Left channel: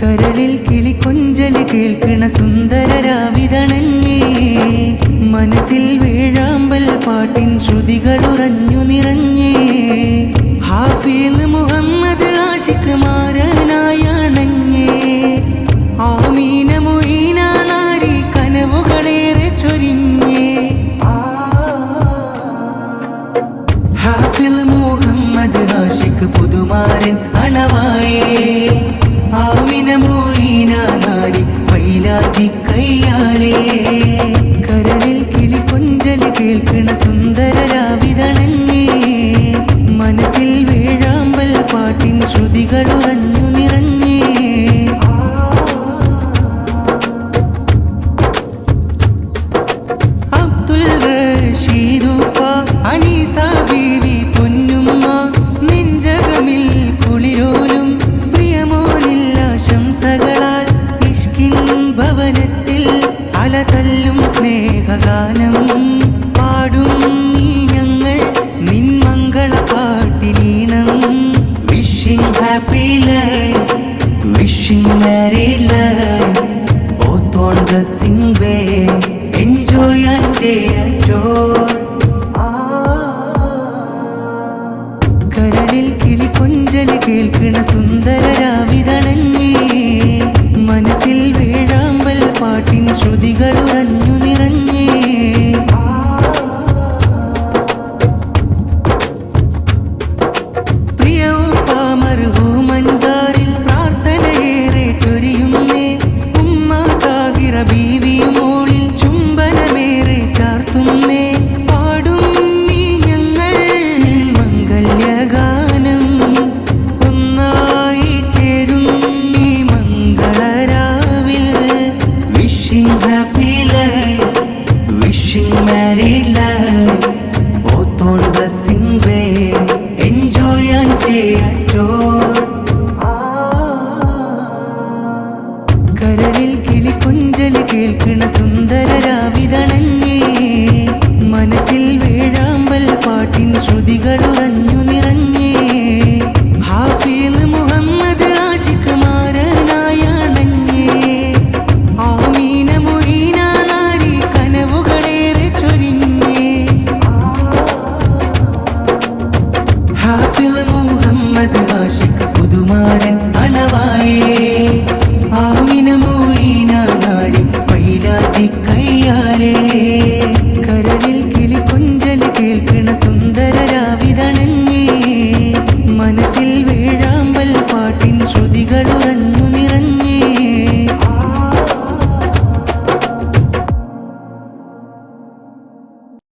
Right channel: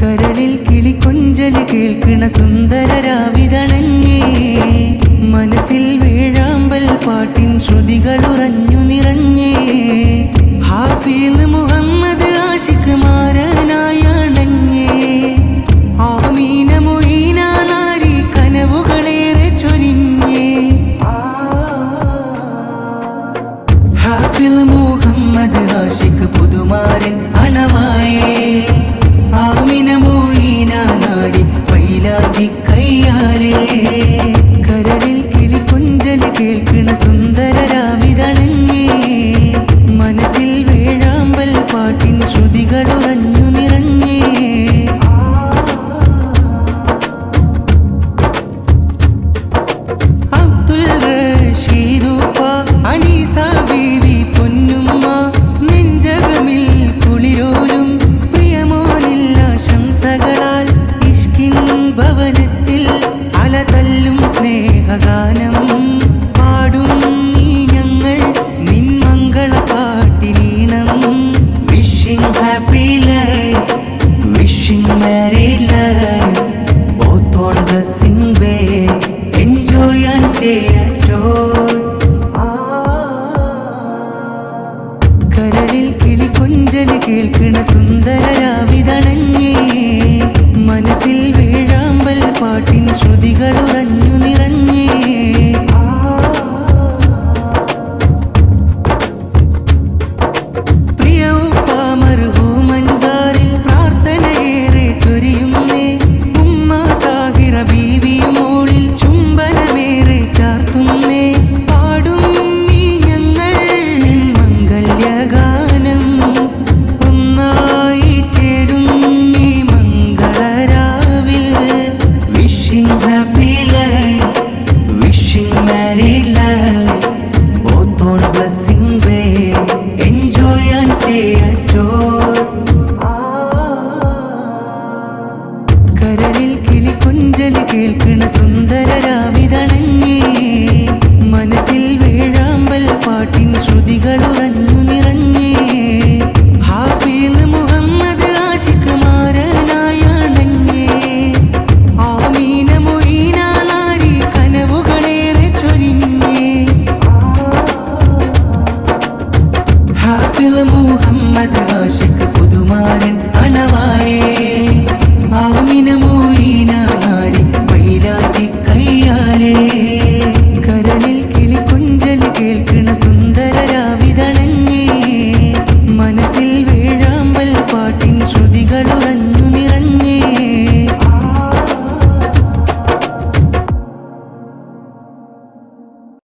കരളിൽ കിളിക്കൊഞ്ചല് കേൾക്കണ സുന്ദരരാവിതണഞ്ഞേ മനസ്സിൽ വേഴാമ്പൽ പാട്ടിൻ ശ്രുതികളുറഞ്ഞു നിറഞ്ഞേ ഹാഫിൽ മുഹമ്മദ് ആഷിഖ് മാരനായണഞ്ഞേ ആമീന മൊയ്ന നാരി കനവുകളേറെ ചൊരിഞ്ഞേ ഹാഫിൽ മുഹമ്മദ് ആഷിഖ് പുതുമാരൻ അണവായേ ആമിന മൊയ്ന നാരി മൈലാഞ്ചി കയ്യാലേ കരളിൽ കിളിക്കൊഞ്ചല് കേൾക്കണ സുന്ദരരാവിതണഞ്ഞേ മനസ്സിൽ വേഴാമ്പൽ പാട്ടിൻ ശ്രുതികളുറഞ്ഞു നിറഞ്ഞേ അബ്ദുൽ റഷീദുപ്പ അനീസ ബീവി പൊന്നുമ്മ നെഞ്ചകമിൽ കുളിരോലും പ്രിയമോനില്ല ശംസകളാൽ ഇഷ്കിൻ ഭവനത്തിൽ അലതല്ലും സ്നേഹഗാനം പാടും നീ ഞങ്ങൾ നിൻ മംഗള പാട്ടിനീണം wishing happy life wishing married life both on blessing way enjoy and stay at home കരളിൽ കിളിക്കൊഞ്ചല് കേൾക്കണ സുന്ദരരാവിതണഞ്ഞേ മനസ്സിൽ വേഴാമ്പൽ പാട്ടിൻ ശ്രുതികളുറഞ്ഞു നിറഞ്ഞേ പ്രിയ ഉപ്പ മർഹൂമൻസാറിൽ പ്രാർത്ഥനയേറെ ചൊരിയുന്നേ ഉമ്മ താഹിറ ബീവിയും മോളിൽ ചുംബനമേറെ ചാർത്തുന്നേ പാടും നീ ഞങ്ങൾ നിൻ മംഗല്യഗാനം ഒന്നായി ചേരും നീ മംഗളരാവിൽ wishing happy life wishing married life both on blessing way enjoy and stay at home കരളിൽ കിളിക്കൊഞ്ചല് കേൾക്കണ സുന്ദരരാവിതണഞ്ഞേ മനസ്സിൽ വേഴാമ്പൽ പാട്ടിൻ ശ്രുതികളുറഞ്ഞു നിറഞ്ഞേ ഹാഫിൽ മുഹമ്മദ് ആഷിഖ് മാരനായണഞ്ഞേ ആമീന മൊയ്ന നാരി കനവുകളേറെ ചൊരിഞ്ഞേ ഹാഫിൽ മുഹമ്മദ് ആഷിഖ് പുതുമാരൻ അണവായേ ആമിന മൊയ്ന നാരി മൈലാഞ്ചി കയ്യാലേ കരളിൽ കിളിക്കൊഞ്ചല് കേൾക്കണ സുന്ദരരാവിതണഞ്ഞേ മനസ്സിൽ വേഴാമ്പൽ പാട്ടിൻ ശ്രുതികളുറഞ്ഞു നിറഞ്ഞേ